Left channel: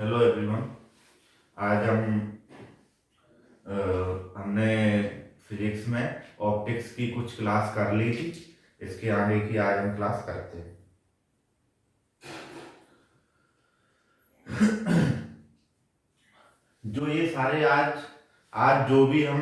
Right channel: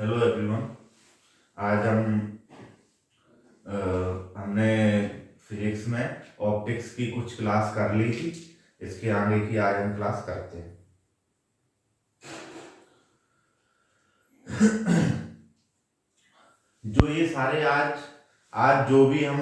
Hello everyone. आज हमने physics में ऑप्टिक्स की कुछ क्लास कर ली थी। इसके आगे की आज हम क्लास करते हैं। जो ये सारे आज आज जो भी हम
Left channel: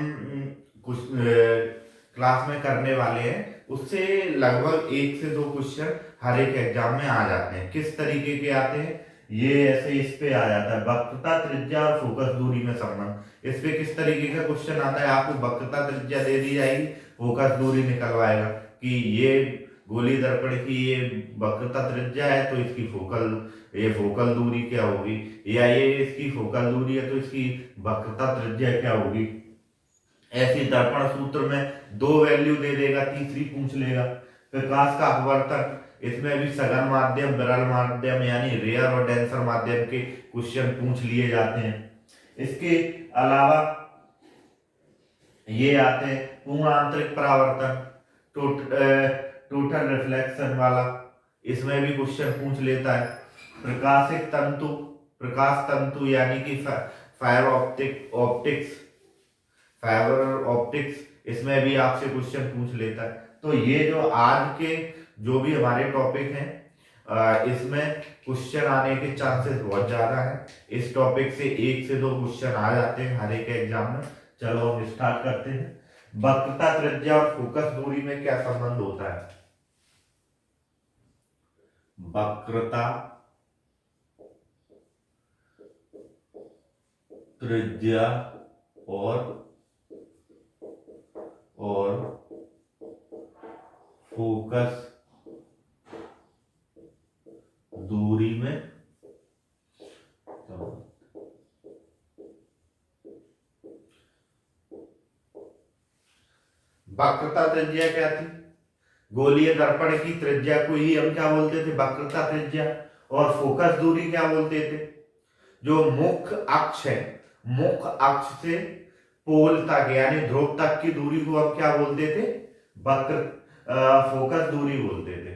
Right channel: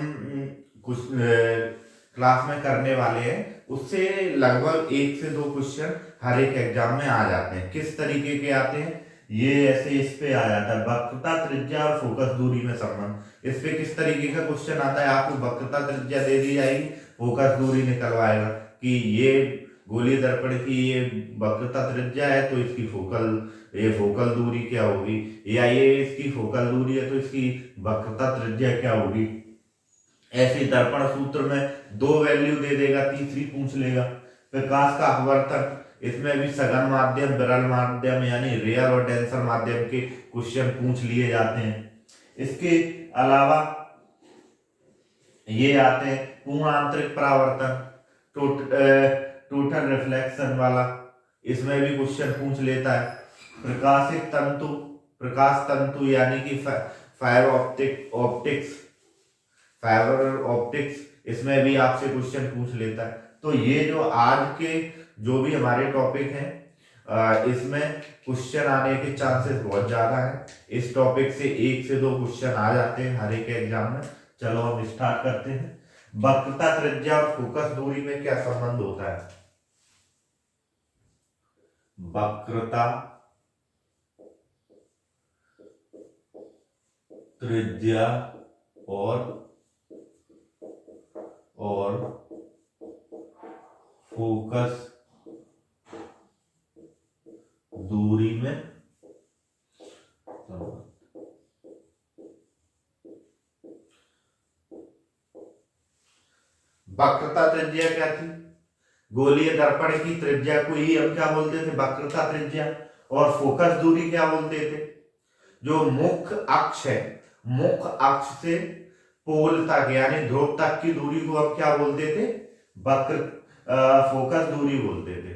कुछ क्लास में करने वाले हैं, उससे लगभग 1 से 2 क्वेश्चन हर एक एग्जाम में आ जाते हैं। किस तरीके के आते हैं, ये ऐसे इस पे आ जाता है, वक्रता त्रिज्या और फोकस दूरी में संबंध। इस पे किस तरीके का क्वेश्चन आता है, आपको वक्रता त्रिज्या दे दी जाएगी, फोकस दूरी निकलवाएगा कि ये गोलीय दर्पण की ये वक्रता त्रिज्या है तो इसकी फोकल दूरी क्या होगी, या ये इसकी फोकल दूरी है तो इसकी वक्रता त्रिज्या क्या होगी। ऐसे दर्पण सूत्र में 2 वैल्यू दे देगा, तीसरी पूछ लेगा। प्रकाश का अपवर्तन, इसमें भी सघन माध्यम, विरल माध्यम यानी रेयर और डेंसर माध्यम के क्वेश्चन पूछ लिए जाते हैं। इसके अलावा ये आते हैं पूर्ण आंतरिक परावर्तन, टोटल रिफ्लेक्शन वाला, इसमें भी क्वेश्चन पूछ लेता है। प्रकाश तंतु यानी कि फाइबर ऑप्टिक्स, इसमें भी आपसे क्वेश्चन पूछ लेता है। तो ये जो आज के जो भी हमारे टॉपिक हैं, इसमें क्वेश्चन आने के चांसेस बहुत ज्यादा है। इस टॉपिक से 1 से 2 क्वेश्चन आ जाते हैं हर एक एग्जाम में। चलो हम स्टार्ट करते हैं। वक्रता त्रिज्या और फोकस दूरी में क्या संबंध होता है? वक्रता त्रिज्या और फोकस दूरी में वक्रता त्रिज्या क्या थी? गोलीय दर्पण की त्रिज्या को ही हम क्या बोलते थे? वक्रता त्रिज्या। और फोकस दूरी क्या बोलते थे? जो मुख्य अक्ष है, मुख्य अक्ष से पोल तक यानी ध्रुव तक की दूरी को हम क्या बोलते थे? फोकस दूरी बोलते थे।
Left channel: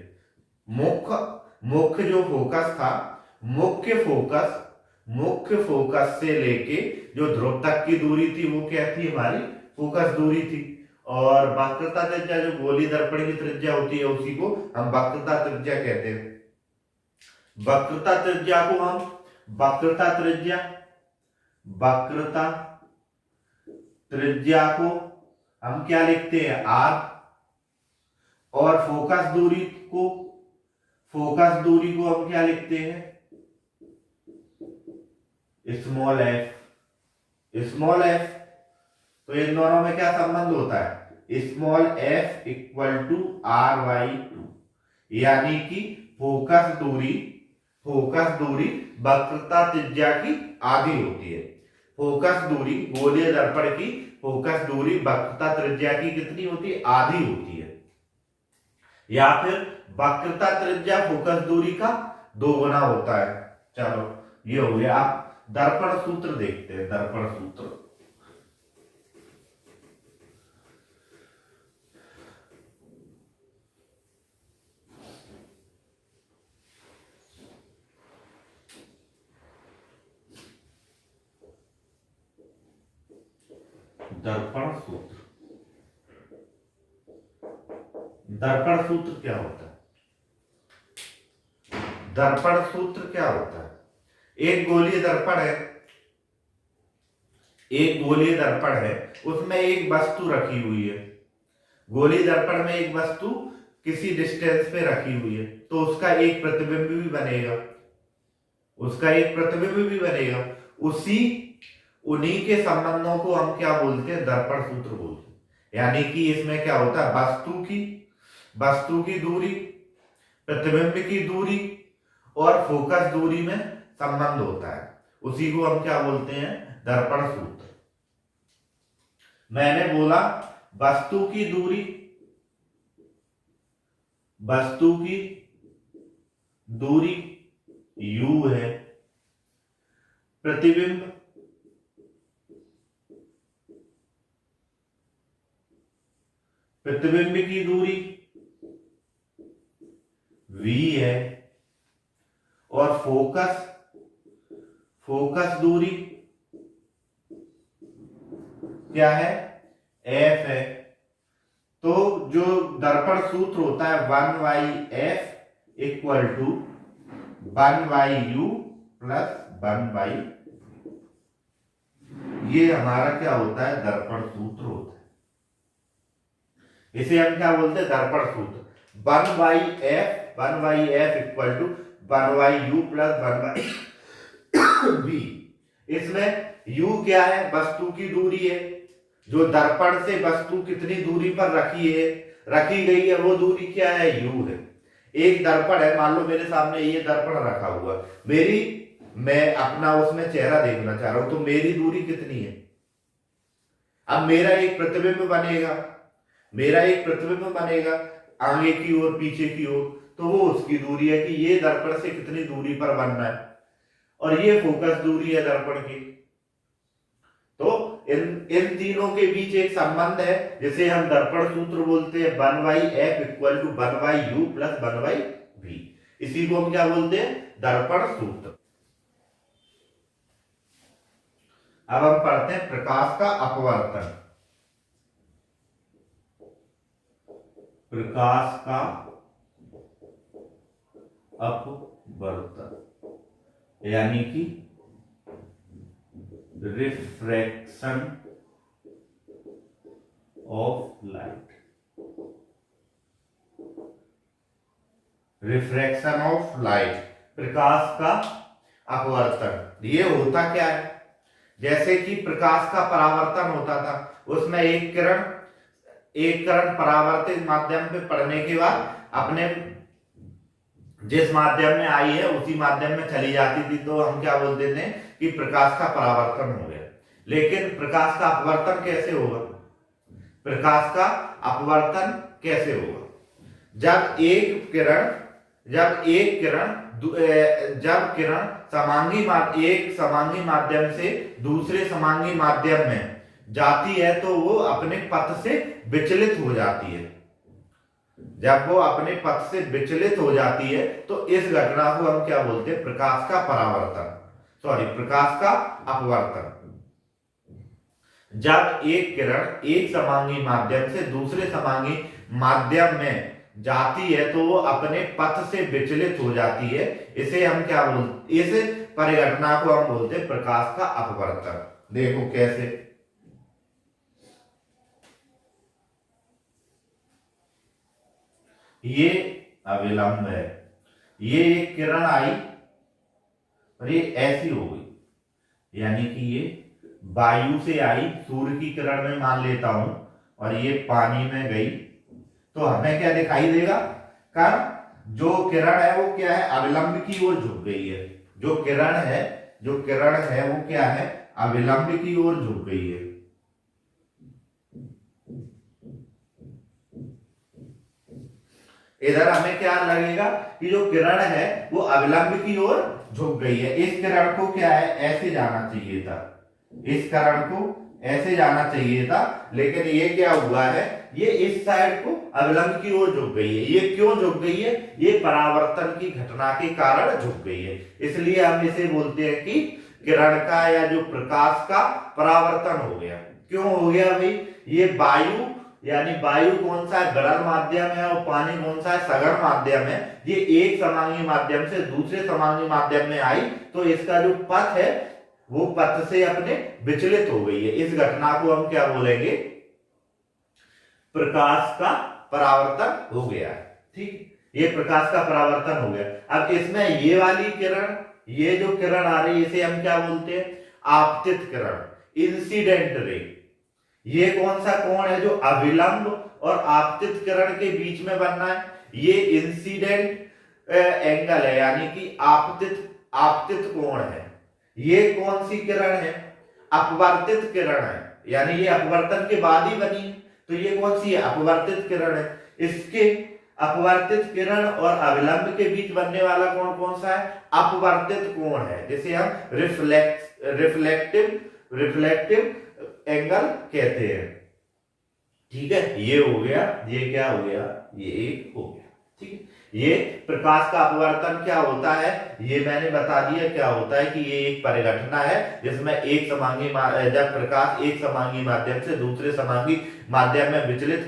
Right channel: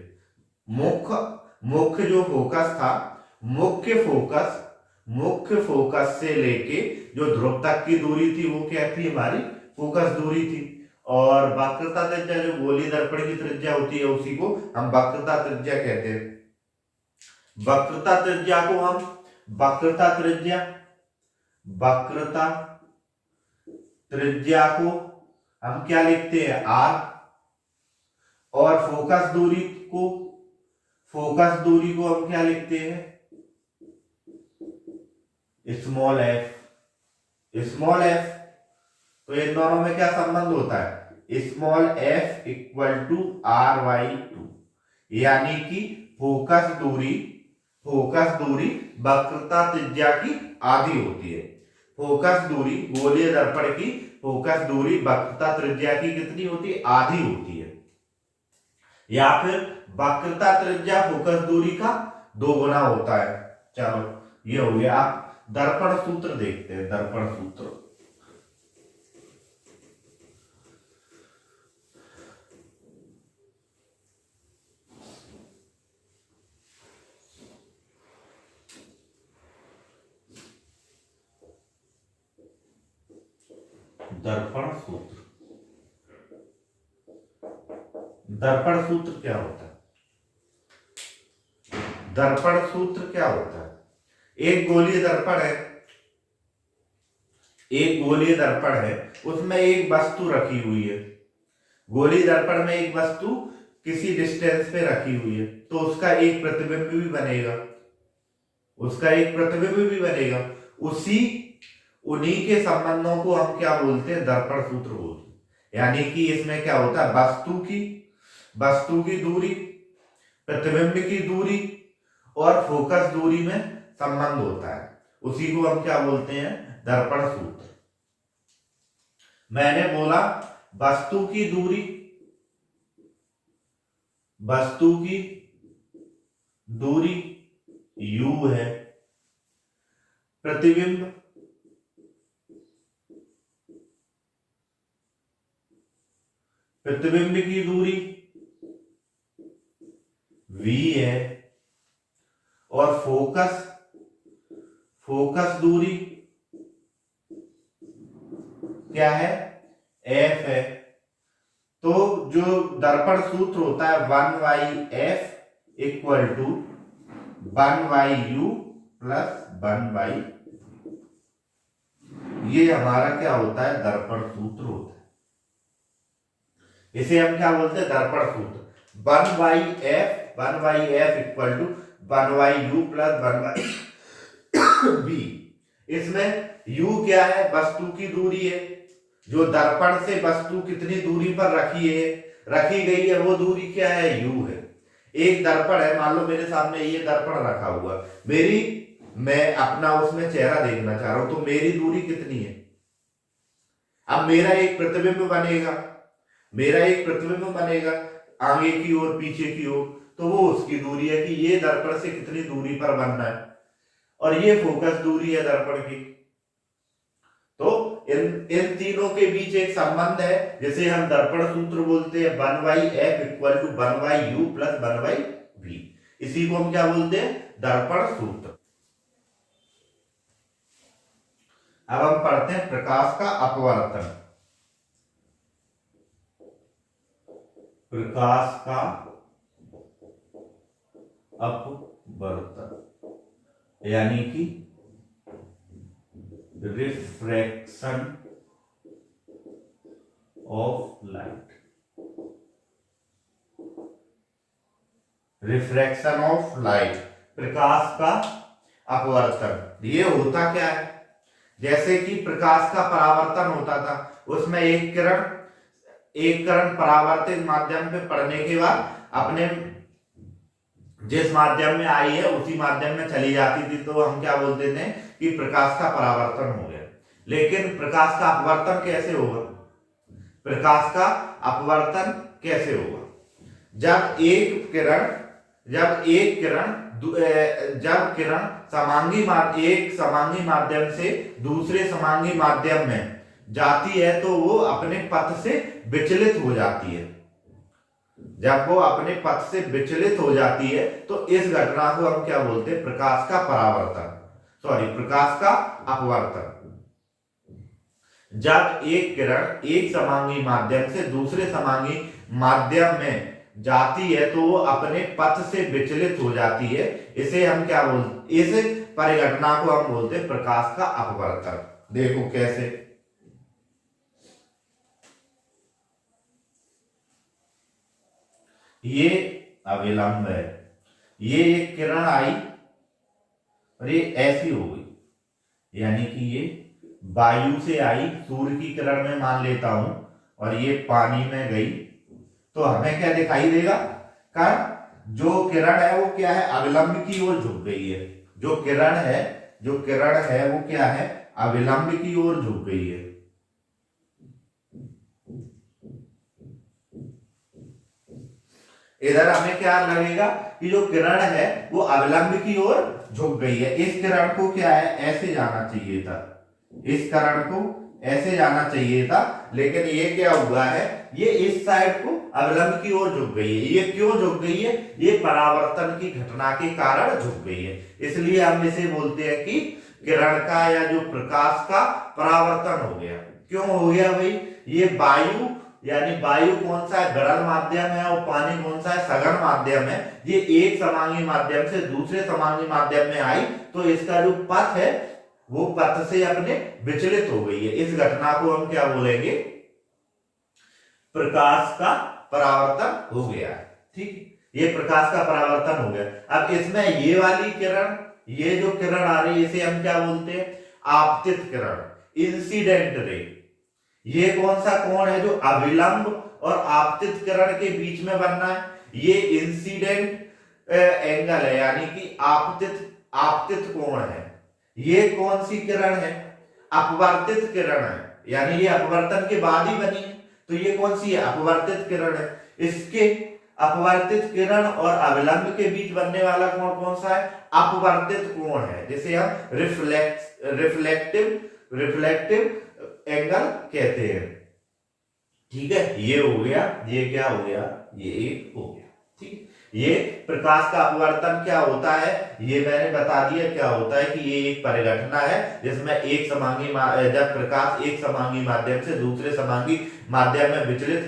मुख्य जो फोकस था, मुख्य फोकस से लेके जो ध्रुव तक की दूरी थी वो क्या थी? हमारी फोकस दूरी थी। और वक्रता त्रिज्या जो गोलीय दर्पण की त्रिज्या होती है उसी को हम वक्रता त्रिज्या कहते हैं। वक्रता त्रिज्या को हम वक्रता त्रिज्या को हम क्या लिखते हैं? आर। और फोकस दूरी को हम क्या लिखते हैं? Small F. तो इन दोनों में क्या संबंध होता है? Small F equal to R/2, यानी कि फोकस दूरी वक्रता त्रिज्या की आधी होती है। फोकस दूरी गोलीय दर्पण की फोकस दूरी वक्रता त्रिज्या की कितनी होती है? आधी होती है। या फिर वक्रता त्रिज्या फोकस दूरी का 2 गुना होता है। चलो ये हो गया। आप दर्पण सूत्र देखते हैं। दर्पण सूत्र दर्पण सूत्र क्या होता है? दर्पण सूत्र क्या होता है? एक गोलीय दर्पण है, उसमें एक वस्तु रखी हुई है। गोलीय दर्पण में एक वस्तु किसी डिस्टेंस पे रखी हुई है, तो उसका एक प्रतिबिंब भी बनेगा। उन्हीं के संबंधों को हम क्या बोलते हैं? दर्पण सूत्र बोलते हैं। यानी कि इसमें क्या होता है? वस्तु की दूरी, प्रतिबिंब की दूरी और फोकस दूरी में संबंध होता है। उसी को हम क्या बोलते हैं? दर्पण सूत्र। मैंने बोला वस्तु की दूरी u है, प्रतिबिंब की दूरी v है, और फोकस फोकस दूरी क्या है, एफ है। तो जो दर्पण सूत्र होता है 1/f equal to 1/u plus 1/, ये हमारा क्या होता है, दर्पण सूत्र होता है। इसे हम क्या बोलते हैं, दर्पण सूत्र। 1/f equal to 1/u plus 1/v। इसमें u क्या है, वस्तु की दूरी है, जो दर्पण से वस्तु कितनी दूरी पर रखी गई है वो दूरी क्या है, u है। एक दर्पण है, मान लो मेरे सामने ये दर्पण रखा हुआ, मैं अपना उसमें चेहरा देखना चाह रहा हूं, तो मेरी दूरी कितनी है। अब मेरा एक प्रतिबिंब बनेगा आगे की ओर पीछे की ओर, तो वो उसकी दूरी है कि ये दर्पण से कितनी दूरी पर बनना है, और ये फोकस दूरी है दर्पण की। तो इन तीनों के बीच एक संबंध है जिसे हम दर्पण सूत्र बोलते हैं, 1/f equal to 1/u plus 1/v। इसी को हम क्या बोलते हैं, दर्पण सूत्र। अब हम पढ़ते हैं प्रकाश का अपवर्तन। प्रकाश का अपवर्तन यानी कि refraction of light. Refraction of light, प्रकाश का अपवर्तन। ये होता क्या है, जैसे कि प्रकाश का परावर्तन होता था, उसमें एक किरण परावर्तित माध्यम पे पड़ने के बाद अपने जिस माध्यम में आई है उसी माध्यम में चली जाती थी, तो हम क्या बोलते थे कि प्रकाश का परावर्तन हो गया। लेकिन प्रकाश का अपवर्तन कैसे होगा, जब किरण एक समांगी माध्यम से दूसरे समांगी माध्यम में जाती है तो वो अपने पथ से विचलित हो जाती है। जब वो अपने पथ से विचलित हो जाती है तो इस घटना को हम क्या बोलते हैं, प्रकाश का अपवर्तन। जब एक किरण एक समांगी माध्यम से दूसरे समांगी माध्यम में जाती है तो वो अपने पथ से विचलित हो जाती है, इसे हम क्या बोलते, इस परिघटना को हम बोलते हैं प्रकाश का अपवर्तन। देखो कैसे, ये अविलंब है, ये एक किरण आई और ये ऐसी हो गई, यानी कि ये वायु से आई, सूर्य की किरण में मान लेता हूं, और ये पानी में गई, तो हमें क्या दिखाई देगा, जो किरण है वो क्या है, अविलंब की ओर झुक गई है। जो किरण है वो क्या है, अविलंब की ओर झुक गई है। इधर हमें क्या लगेगा कि जो किरण है वो अविलंब की ओर झुक गई है। इस किरण को क्या है, ऐसे जाना चाहिए था, इस किरण को ऐसे जाना चाहिए था, लेकिन ये क्या हुआ है, ये इस साइड को अविलंब की ओर झुक गई है। ये क्यों झुक गई है, ये परावर्तन की घटना के कारण झुक गई है। इसलिए हम इसे बोलते हैं कि किरण का या जो प्रकाश का परावर्तन हो गया। क्यों हो गया भाई, ये वायु कौन सा है, गड़ल माध्यम है, और पानी कौन सा है, सघन माध्यम है। ये एक समांगी माध्यम से दूसरे समांगी माध्यम में आई तो इसका जो पथ है वो पथ से अपने विचलित हो गई है। इस घटना को हम क्या बोलेंगे, प्रकाश का परावर्तन हो गया। ठीक, ये प्रकाश का परावर्तन हो गया। अब इसमें ये वाली किरण, ये जो किरण आ रही है इसे हम क्या बोलते हैं, आपतित किरण, इंसिडेंट रे। ये कौन सा कोण है जो अविलंब और आपतित किरण के बीच में बनना है, ये इंसिडेंट एंगल है, यानी कि आपतित कोण है। ये कौन सी किरण है, अपवर्तित किरण है, यानी ये अपवर्तन के बाद ही बनी है, तो ये कौन सी है, अपवर्तित किरण है। इसके अपवर्तित किरण और अविलंब के बीच बनने वाला कोण कौन सा है, अपवर्तित कोण है, जिसे हम रिफ्लेक्टिव एंगल कहते हैं। ठीक है, ये हो गया, ये क्या हो गया, ये एक हो गया। ठीक, ये प्रकाश का अपवर्तन क्या होता है, ये मैंने बता दिया क्या होता है कि ये एक परिघटना है जिसमें जब प्रकाश एक समांगी माध्यम से दूसरे समांगी माध्यम में विचलन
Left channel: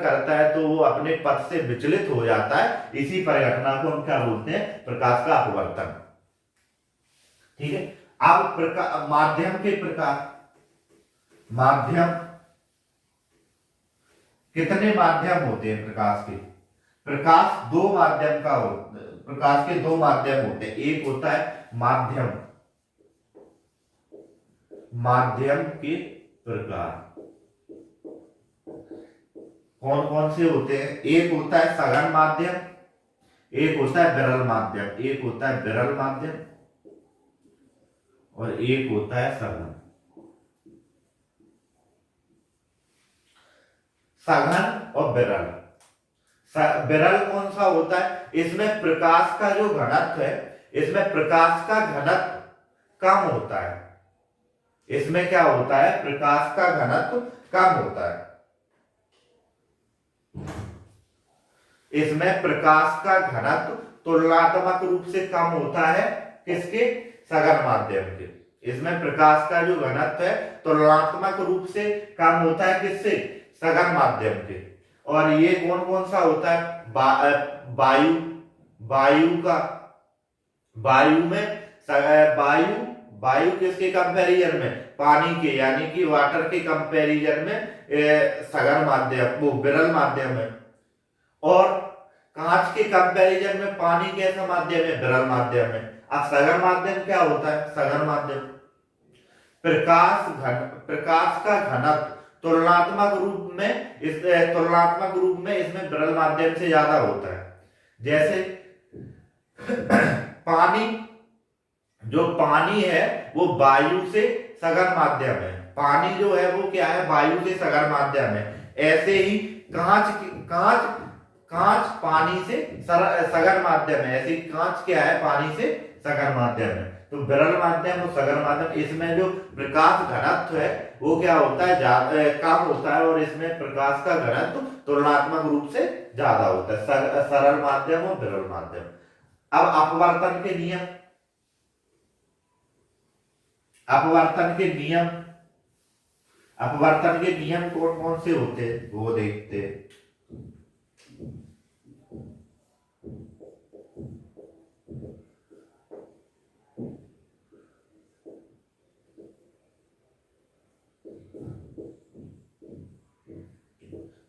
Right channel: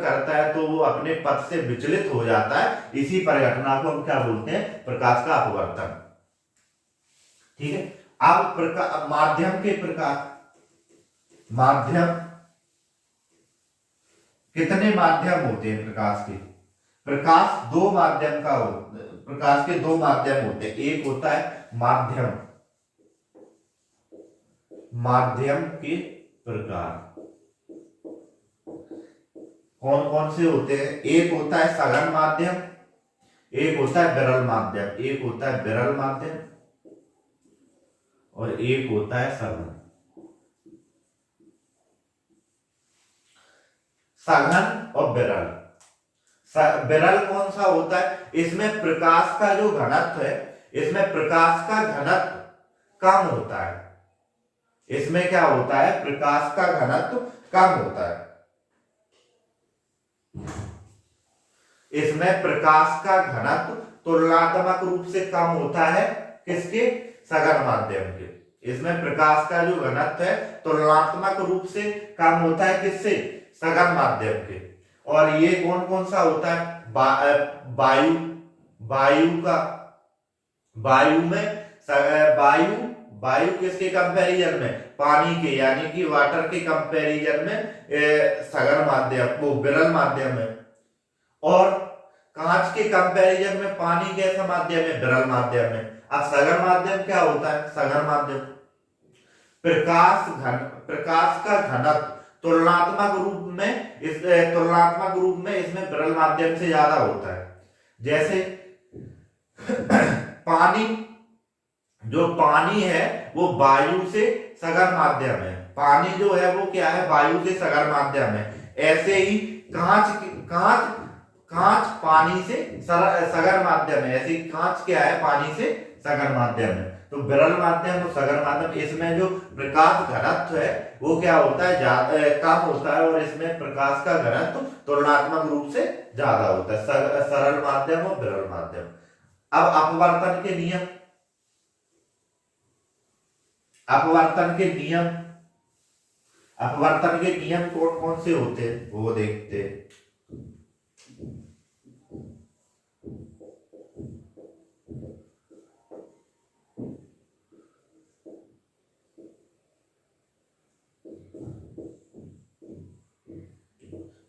करता है तो वो अपने पथ से विचलित हो जाता है। इसी परिघटना को हम क्या बोलते हैं, प्रकाश का अपवर्तन। ठीक है। अब माध्यम के प्रकार, माध्यम कितने माध्यम होते हैं प्रकाश के? प्रकाश दो माध्यम का हो, प्रकाश के दो माध्यम होते हैं। एक होता है माध्यम, माध्यम के प्रकार कौन कौन से होते हैं? एक होता है सघन माध्यम, एक होता है विरल माध्यम, एक होता है विरल माध्यम और एक होता है सघन। सघन और विरल। विरल कौन सा होता है? इसमें प्रकाश का जो घनत्व है, इसमें प्रकाश का घनत्व कम होता है। इसमें क्या होता है? प्रकाश का घनत्व कम होता है। इसमें प्रकाश का घनत्व तुलनात्मक रूप से कम होता है। किसके? सघन माध्यम के। इसमें प्रकाश का जो घनत्व है तुलनात्मक रूप से कम होता है। किससे? सघन माध्यम के। और ये कौन कौन सा होता है? वायु, वायु किसके कंपैरिजन में? पानी के, यानी कि वाटर के कंपैरिजन में सघन माध्यम, वो विरल माध्यम है। और कांच के कंपैरिजन में पानी कैसा माध्यम है? विरल माध्यम है। अब सघन माध्यम क्या होता है? सघन माध्यम प्रकाश का घनत्व तुलनात्मक रूप में इसमें विरल माध्यम से ज्यादा होता है। जैसे पानी है वो वायु से सघन माध्यम है। पानी जो है वो क्या है? वायु से सघन माध्यम है। ऐसे ही कांच पानी से सघन माध्यम है। ऐसे ही कांच क्या है? पानी से सघन माध्यम है। तो विरल माध्यम और सघन माध्यम, इसमें जो प्रकाश घनत्व है वो क्या होता है? कम होता है। और इसमें प्रकाश का घनत्व तुलनात्मक रूप से ज्यादा होता है। सरल माध्यम और विरल माध्यम। अब अपवर्तन के नियम, अपवर्तन के नियम कौन कौन से होते हैं वो देखते हैं।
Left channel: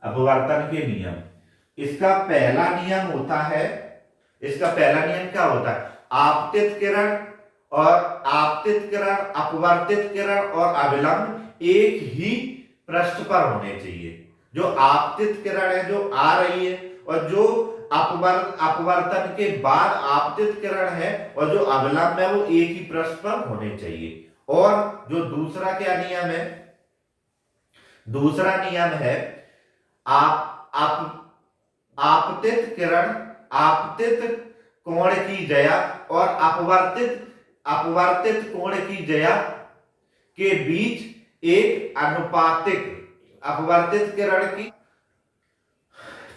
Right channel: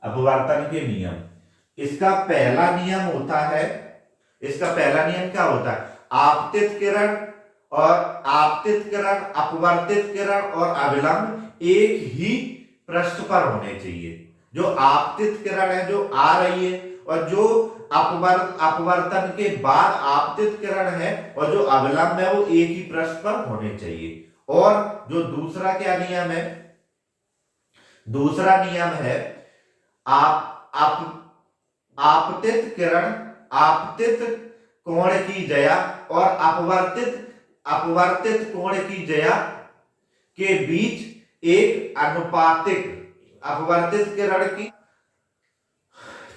अपवर्तन के नियम, इसका पहला नियम क्या होता है? आपतित किरण, अपवर्तित किरण और अभिलंब एक ही पृष्ठ पर होने चाहिए। जो आपतित किरण है जो आ रही है, और जो अपवर्तन के बाद आपतित किरण है और जो अभिलंब है वो एक ही पृष्ठ पर होने चाहिए। और जो दूसरा क्या नियम है? दूसरा नियम है आपतित किरण, आपतित कोण की ज्या और अपवर्तित कोण की ज्या के बीच एक अनुपातिक, अपवर्तित किरण की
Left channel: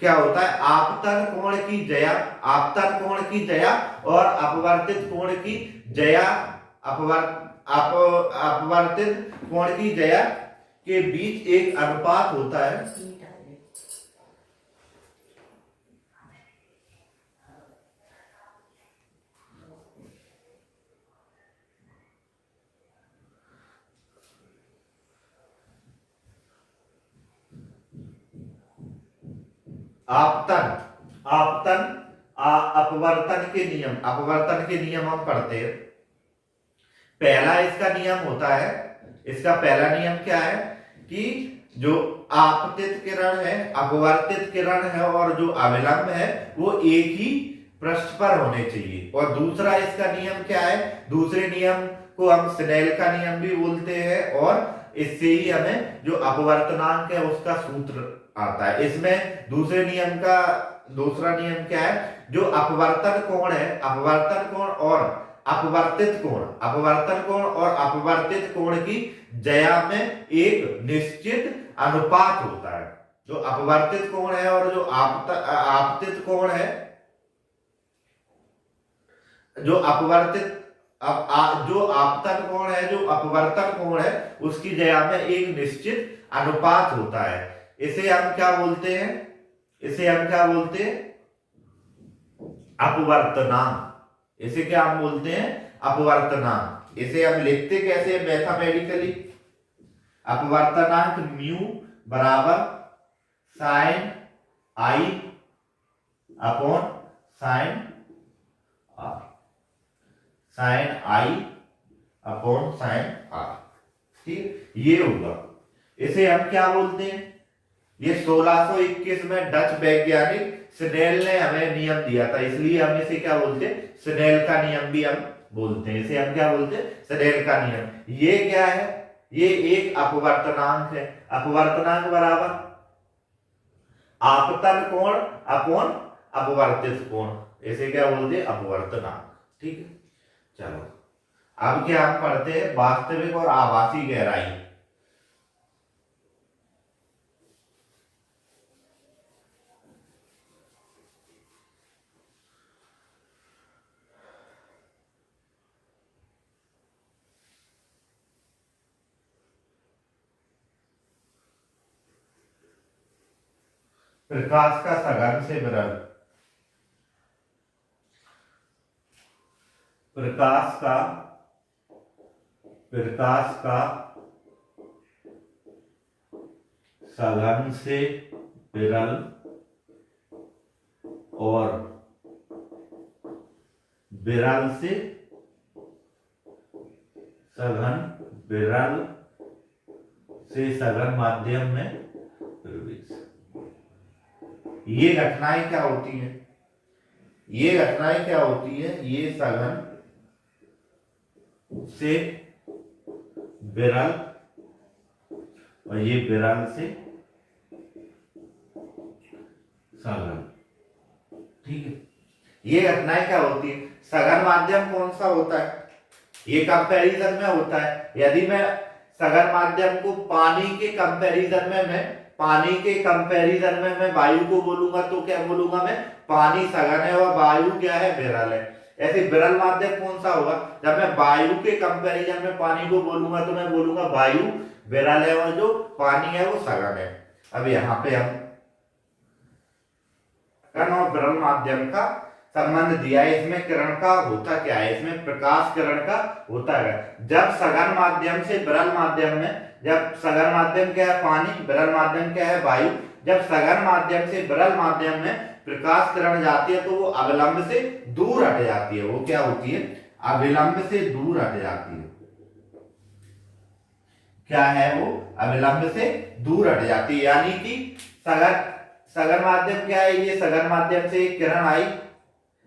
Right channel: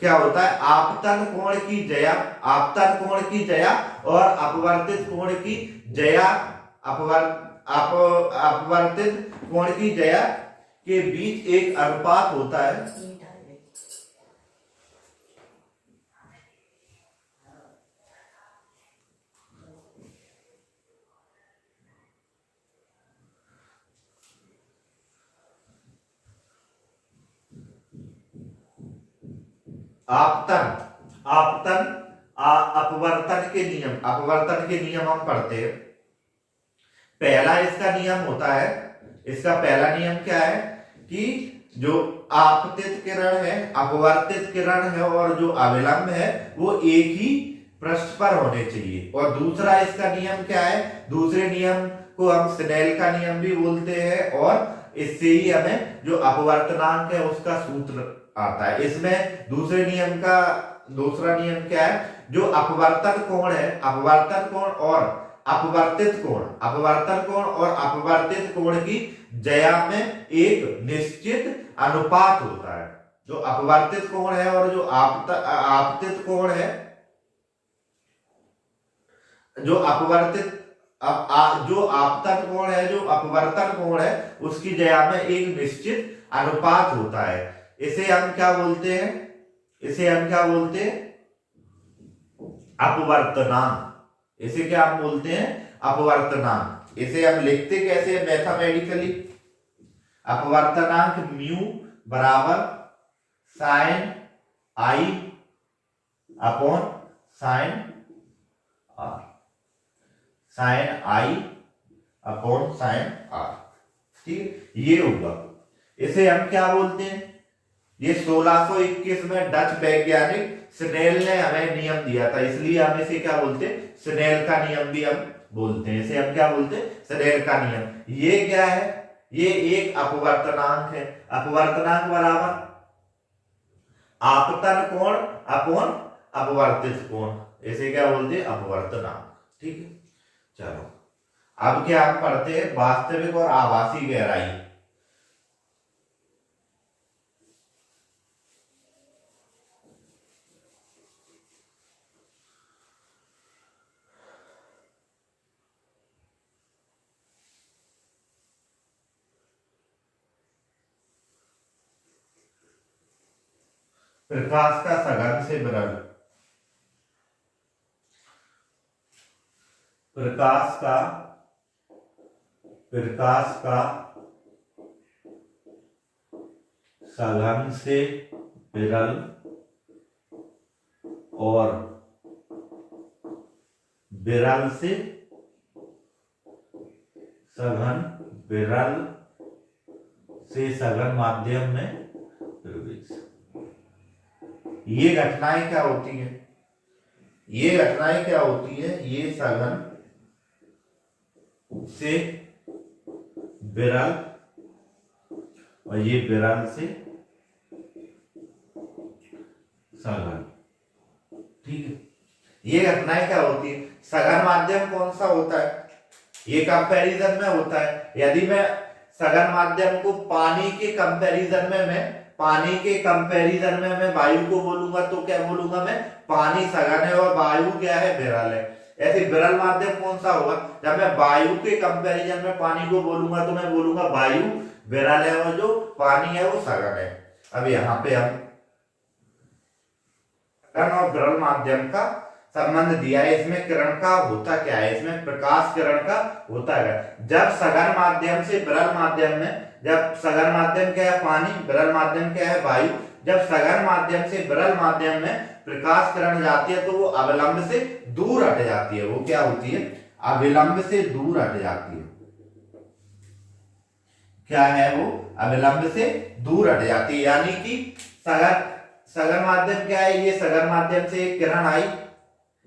क्या होता है? आपतन कोण की ज्या और अपवर्तित कोण की ज्या, अपवर्तित कोण की ज्या के बीच एक अनुपात होता है। अपवर्तन के नियम हम पढ़ते हैं। पहला इसका नियम होता है, इसका पहला नियम क्या है कि जो आपतित किरण है, अपवर्तित किरण है और जो अभिलंब है वो एक ही पृष्ठ पर होने चाहिए। और दूसरा इसका नियम क्या है? दूसरे नियम को हम स्नेल का नियम भी बोलते हैं। और इससे ही हमें जो अपवर्तनांक है उसका सूत्र आता है। इसमें दूसरे नियम का दूसरा नियम क्या है? जो अपवर्तन कोण है, अपवर्तन कोण और अपवर्तित कोण की ज्या में एक निश्चित अनुपात होता है। जो अपवर्तित कोण है और जो आपतित कोण है, जो अपवर्तित जो आपतन कोण है, जो अपवर्तन कोण है, उसकी जया में एक निश्चित अनुपात होता है। इसे हम क्या बोलते हैं? इसे हम क्या बोलते हैं? अपवर्तनांक। इसे क्या हम बोलते हैं? अपवर्तनांक। इसे हम लिखते कैसे मैथमेटिकली? अपवर्तनांक म्यू बराबर sine i upon sine r, sine i upon sine r. ठीक, ये होगा। इसे हम क्या बोलते हैं? ये 1621 में डच वैज्ञानिक स्नेल ने हमें नियम दिया था, इसलिए हम इसे क्या बोलते हैं? स्नेल का नियम भी हम बोलते हैं। इसे हम क्या बोलते हैं? स्नेल का नियम। ये क्या है? ये एक अपवर्तनांक है। अपवर्तनांक बराबर आपतन कोण अपॉन अपवर्तित कोण, इसे क्या बोलते हैं? अपवर्तनांक। ठीक है, चलो अब क्या हम पढ़ते हैं? वास्तविक और आभासी गहराई। प्रकाश का सघन से विरल, प्रकाश का सघन से विरल और विरल से सघन, विरल से सघन माध्यम में प्रवेश। ये घटनाएं क्या होती हैं? ये घटनाएं क्या होती है? ये सघन से विरल और ये विरल से सघन। ठीक है, ये घटनाएं क्या होती है? सघन माध्यम कौन सा होता है? ये कंपैरिजन में होता है। यदि मैं सघन माध्यम को पानी के कंपैरिजन में मैं वायु को बोलूंगा तो क्या बोलूंगा? मैं पानी सघन है और वायु क्या है? विरल है। ऐसे विरल माध्यम कौन सा होगा? जब मैं वायु के कंपैरिजन में पानी को बोलूंगा तो मैं बोलूंगा वायु विरल है और जो पानी है वो सघन है। अब यहाँ पे हम कण और विरल माध्यम का संबंध दिया है। इसमें किरण का होता क्या है? इसमें प्रकाश किरण का होता है। जब सघन माध्यम से विरल माध्यम में, जब सघन माध्यम क्या है? पानी, विरल माध्यम क्या है? वायु। जब सघन माध्यम से विरल माध्यम में प्रकाश किरण जाती है तो वो अविलंब से दूर हट जाती है। वो क्या होती है? अविलंब से दूर हट जाती है। क्या है वो? अविलंब से दूर हट जाती है। यानी कि सघन माध्यम क्या है? ये सघन माध्यम से एक किरण आई,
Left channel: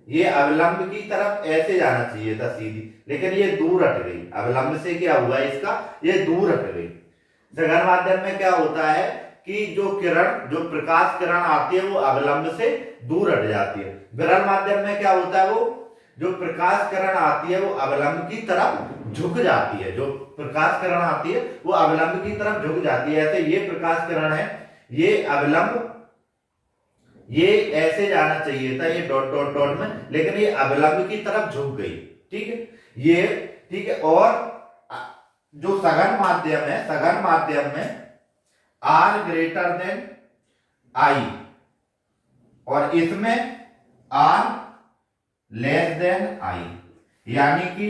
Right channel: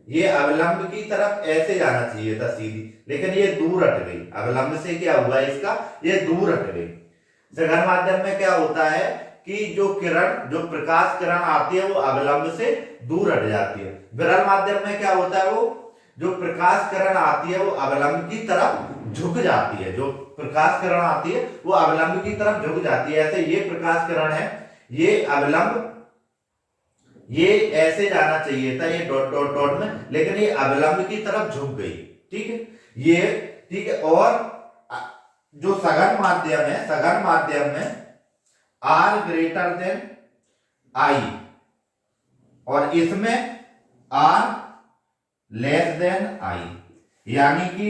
ये अविलंब की तरफ ऐसे जाना चाहिए था सीधी, लेकिन ये दूर हट गई। अविलंब से क्या हुआ इसका? ये दूर हट गई। सघन माध्यम में क्या होता है कि जो किरण, जो प्रकाश किरण आती है वो अविलंब से दूर हट जाती है। विरल माध्यम में क्या होता है? वो जो प्रकाश किरण आती है वो अविलंब की तरफ झुक जाती है। जो प्रकाश किरण आती है वो अविलंब की तरफ झुक जाती है। ऐसे ये प्रकाश किरण है, ये अविलंब, ये ऐसे जाना चाहिए था, ये डॉट डॉट डॉट में, लेकिन ये अविलंब की तरफ झुक गई। ठीक है, ये ठीक है। और जो सघन माध्यम है, सघन माध्यम में R ग्रेटर देन I और इसमें R लेस देन I, यानी कि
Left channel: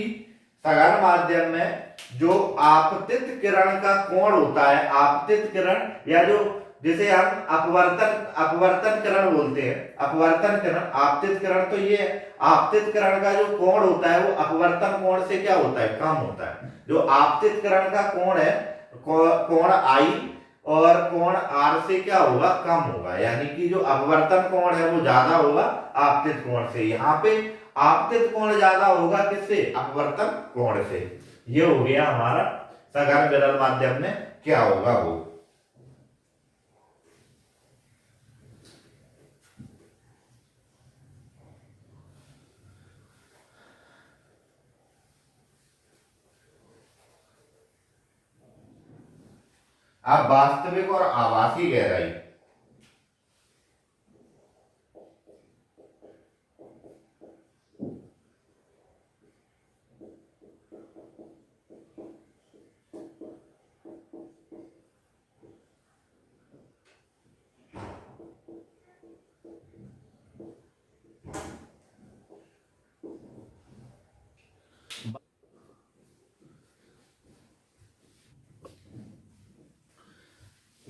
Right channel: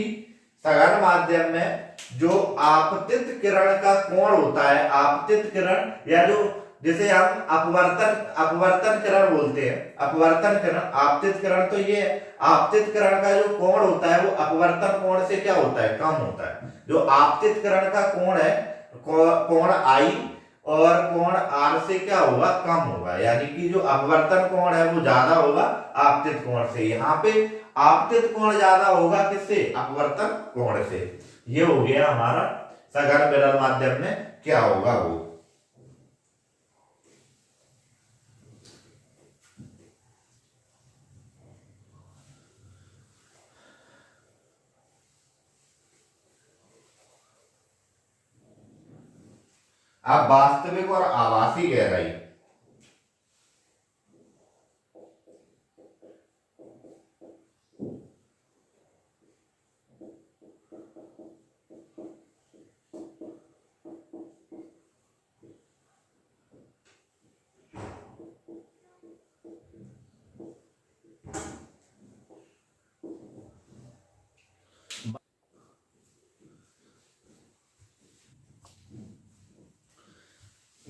सघन माध्यम में जो आपतित किरण का कोण होता है, आपतित किरण या जो जिसे हम अपवर्तन किरण बोलते हैं, अपवर्तन किरण, आपतित किरण, तो ये आपतित किरण का जो कोण होता है वो अपवर्तन कोण से क्या होता है? कम होता है। जो आपतित किरण का कोण है, कोण I और कोण R से क्या होगा? कम होगा। यानी कि जो अपवर्तन कोण है वो ज्यादा होगा आपतित कोण से। यहाँ पे आपतित कोण ज्यादा होगा किससे? अपवर्तन कोण से। ये हो गया हमारा सघन विरल माध्यम में क्या होगा वो। अब वास्तविक और आभासी गहराई।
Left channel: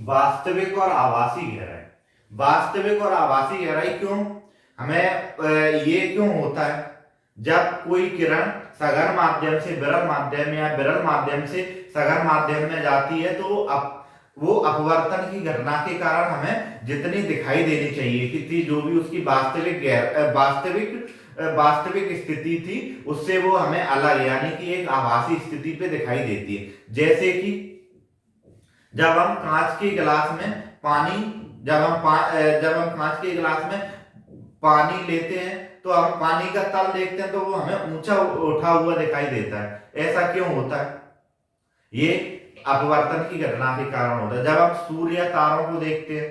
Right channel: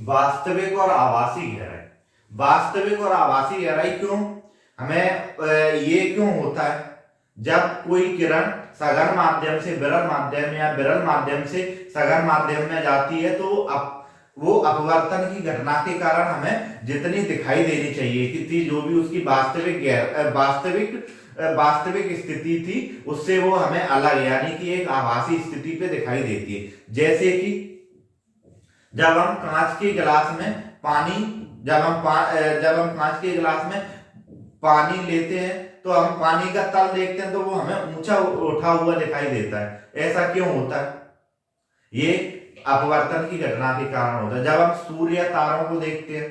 वास्तविक और आभासी गहराई। वास्तविक और आभासी गहराई क्यों, हमें ये क्यों होता है, जब कोई किरण सघन माध्यम से विरल माध्यम या विरल माध्यम से सघन माध्यम में जाती है तो वो अपवर्तन की घटना के कारण हमें जितनी दिखाई देनी चाहिए कि थी, जो भी उसकी वास्तविक स्थिति थी, उससे वो हमें अलग यानी कि एक आभासी स्थिति पे दिखाई देती है। जैसे कि जब हम कांच के गिलास में पानी जब हम कांच के गिलास में पानी लेते हैं तो हम पानी का तल देखते हैं तो वो हमें ऊंचा उठा हुआ दिखाई देता है। ऐसा क्यों होता है, ये अपवर्तन की घटना के कारण होता है। जब हम सूर्य या तारों को देखते हैं,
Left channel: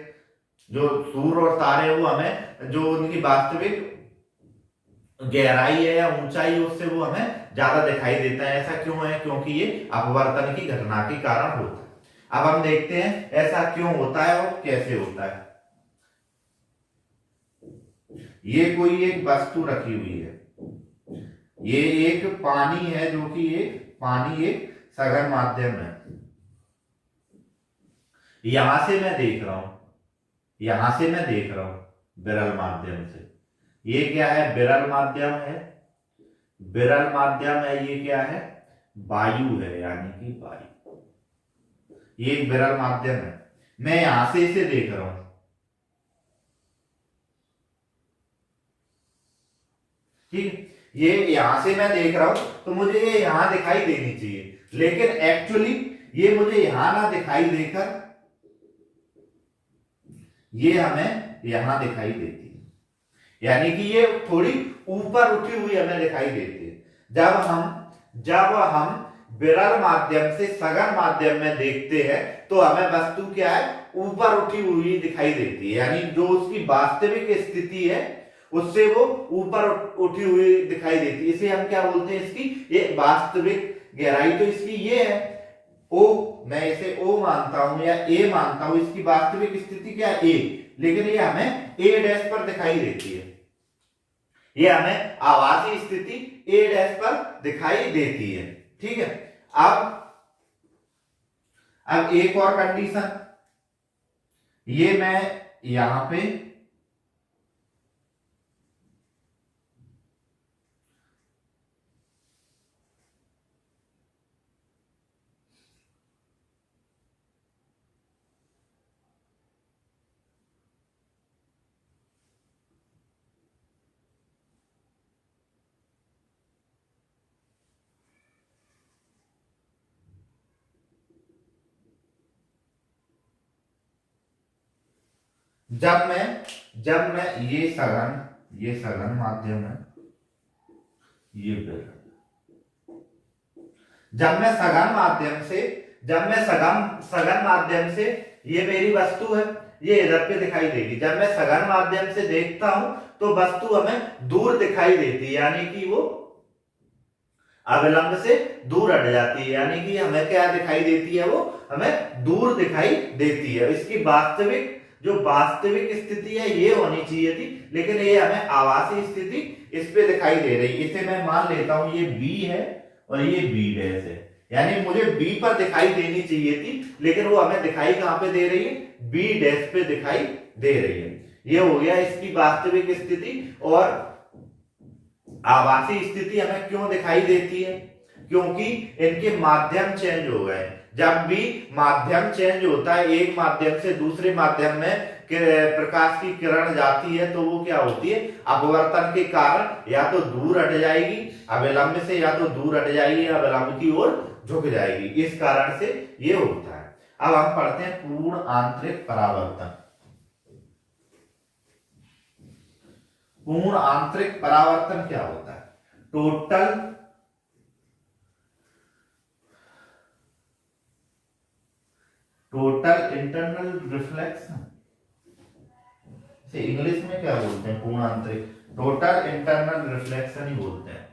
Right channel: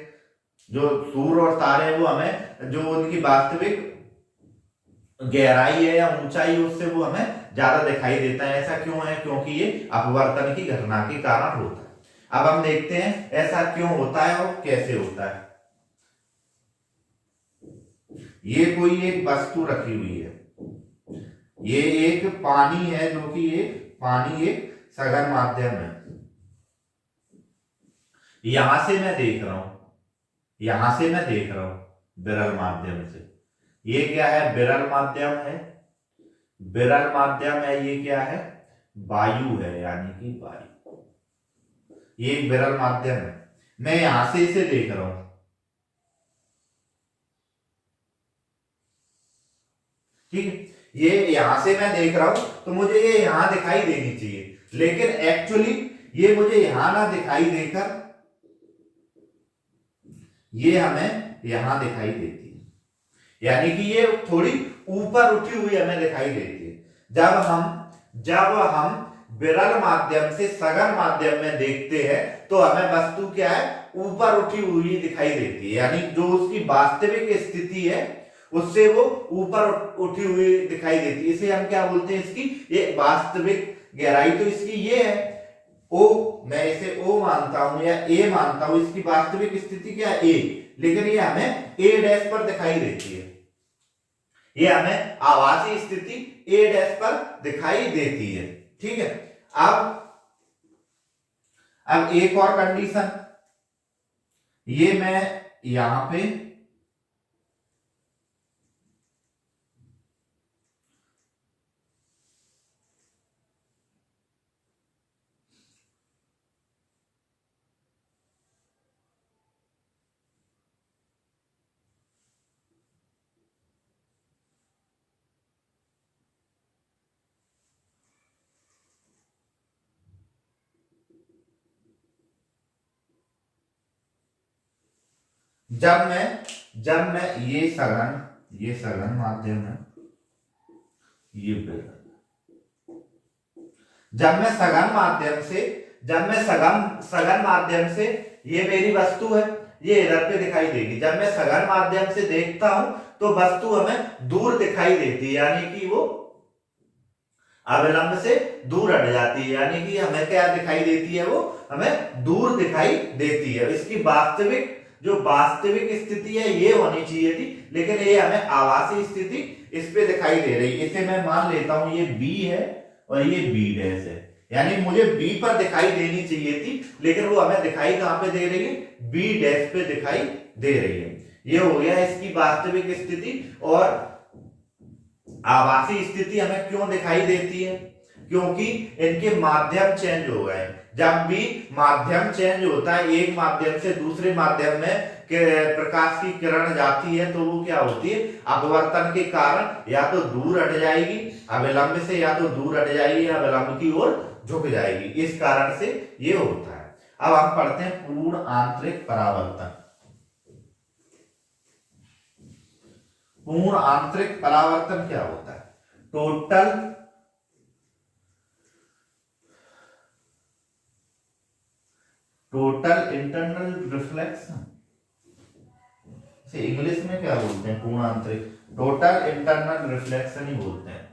जो सूर्य और तारे वो हमें जो उनकी वास्तविक गहराई है या ऊंचाई है उससे वो हमें ज्यादा दिखाई देता है। ऐसा क्यों है, क्योंकि ये अपवर्तन की घटना के कारण होता है। अब हम देखते हैं ऐसा क्यों होता है और कैसे होता है। ये कोई एक वस्तु रखी हुई है, ये एक पानी है, जो कि ये पानी एक सघन माध्यम है। यहां से मैं देख रहा हूं विरल माध्यम से। ये क्या है, विरल माध्यम है, विरल माध्यम है। ये क्या है, वायु है, यानी कि वायु। ये एक विरल माध्यम है, मैं यहां से इसे देख रहा हूं, ठीक है। ये यहां से मैं देख रहा हूं तो मुझे ये यहां दिखाई देनी चाहिए, लेकिन एक्चुअली ये मुझे यहां ना दिखाई देकर ये हमें यहां दिखाई देती है, यानी कि ये थोड़ी ऊपर उठी हुई हमें दिखाई देती है। जब हम विरल माध्यम से सघन माध्यम में देखते हैं तो हमें वस्तु क्या है, ऊपर उठी हुई दिखाई देती है, यानी जो उसकी वास्तविक स्थिति है उससे वो ऊपर उठी हुई दिखाई देती है। इसे हम क्या बोलते हैं, इसकी ये वास्तविक गहराई तो इसकी ये है ओ, मैं इसे ओ मानता हूं या ए मानता हूं, इसकी वास्तविक स्थिति क्या है, ए, लेकिन ये हमें ए डैश पर दिखाई देती है, ये हमें आभासी स्थिति ए डैश पर दिखाई देती है, ठीक है। अब एक और कंडीशन, ये मैं यहां पे जब मैं ये सघन माध्यम है, ये विरल। जब मैं सघन माध्यम से ये मेरी वस्तु है, ये इधर पे दिखाई देगी। जब मैं सघन माध्यम से देखता हूं तो वस्तु हमें दूर दिखाई देती है, यानी कि वो अविलंब से दूर हट जाती है, यानी कि हमें क्या दिखाई देती है, वो हमें दूर दिखाई देती है। इसकी वास्तविक स्थिति है ये होनी चाहिए थी, लेकिन ये हमें आभासी स्थिति इस पे दिखाई दे रही है। इसे मैं मान लेता हूं ये बी है और ये बी डैश है, यानी मुझे बी पर दिखाई देनी चाहिए थी, लेकिन वो हमें दिखाई कहां पे दे रही है, बी डैश पे दिखाई दे रही है। ये हो गया इसकी वास्तविक स्थिति। और आभासी स्थिति हमें क्यों दिखाई देती है, क्योंकि इनके माध्यम चेंज हो गए। जब भी माध्यम चेंज होता है, एक माध्यम से दूसरे माध्यम में प्रकाश की किरण जाती है तो वो क्या होती है, अपवर्तन के कारण या तो दूर हट जाएगी अविलंब से, या तो दूर हट जाएगी या अविलंब की ओर झुक जाएगी। इस कारण से ये होता है। अब हम पढ़ते हैं पूर्ण आंतरिक परावर्तन। पूर्ण आंतरिक परावर्तन क्या होता है, टोटल इंटरनल रिफ्लेक्शन से इंग्लिश में क्या बोलते हैं, पूर्ण आंतरिक, टोटल इंटरनल रिफ्लेक्शन ही बोलते हैं।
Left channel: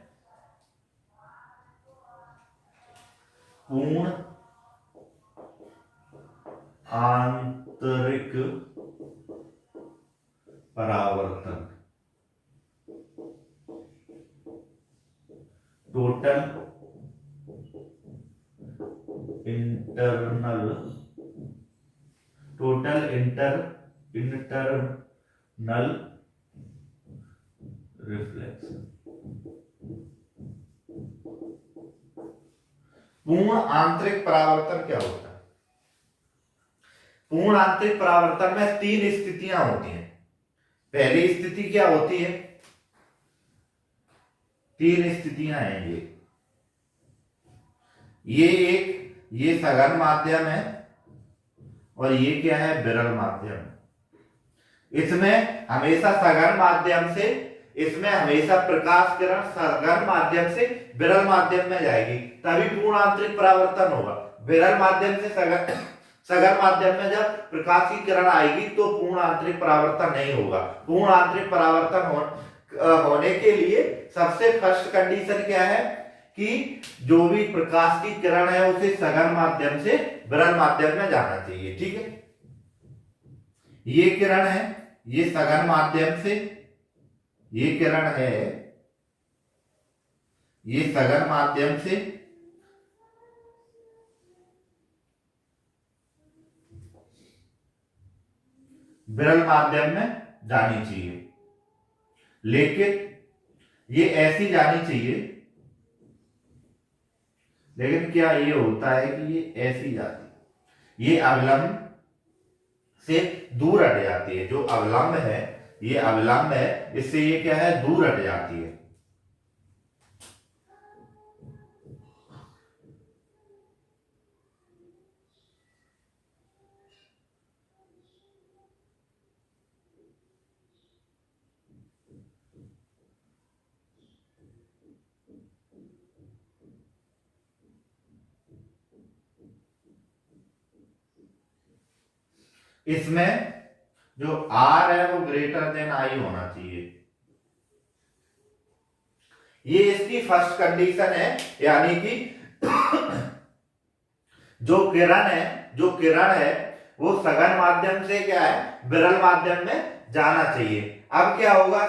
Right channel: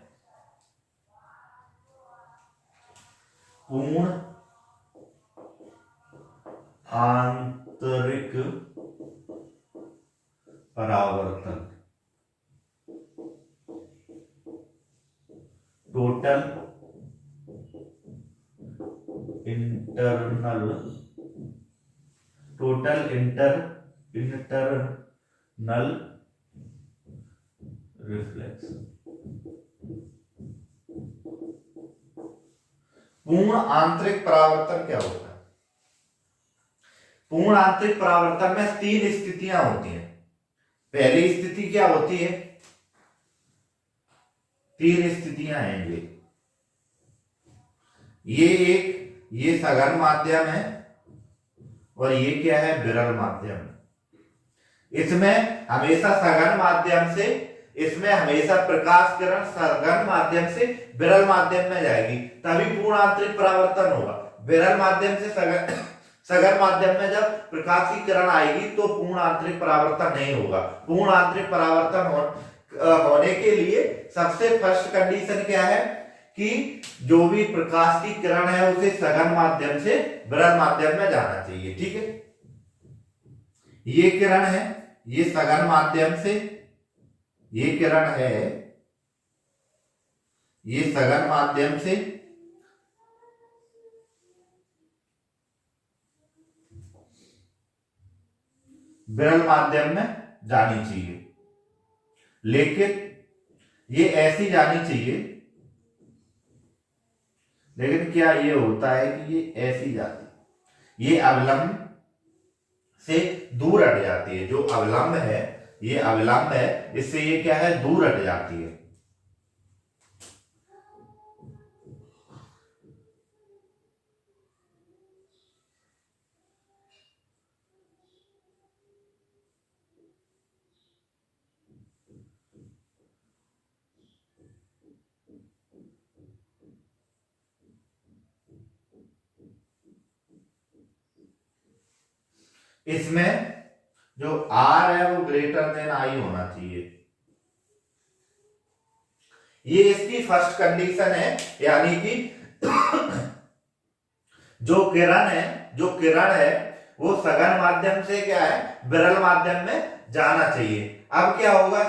पूर्ण आंतरिक परावर्तन, total internal total internal reflection. पूर्ण आंतरिक परावर्तन क्या होता है? पूर्ण आंतरिक परावर्तन में 3 स्थितियां होती हैं। पहली स्थिति क्या होती है? 3 स्थितियां हैं ये सघन माध्यम है और ये क्या है? विरल माध्यम। इसमें हमेशा सघन माध्यम से, इसमें हमेशा प्रकाश किरण सघन माध्यम से विरल माध्यम में जाएगी, तभी पूर्ण आंतरिक परावर्तन होगा। विरल माध्यम से सघन माध्यम में जब प्रकाश की किरण आएगी तो पूर्ण आंतरिक परावर्तन नहीं होगा। पूर्ण आंतरिक परावर्तन होने के लिए सबसे फर्स्ट कंडीशन क्या है कि जो भी प्रकाश की किरण है उसे सघन माध्यम से विरल माध्यम में जाना चाहिए। ठीक है, ये किरण है, ये सघन माध्यम से, ये किरण है, ये सघन माध्यम से विरल माध्यम में जानी चाहिए, लेकिन ये ऐसी जानी चाहिए। लेकिन क्या ये होता है कि ये ऐसी जाती है, ये अविलंब से दूर हट जाती है। जो अविलंब है, ये अविलंब है, इससे ये क्या है? दूर हट जाती है। इसमें जो R है वो ग्रेटर देन I होना चाहिए। ये इसकी फर्स्ट कंडीशन है, यानी कि जो किरण है वो सघन माध्यम से क्या है? विरल माध्यम में जाना चाहिए। अब क्या होगा?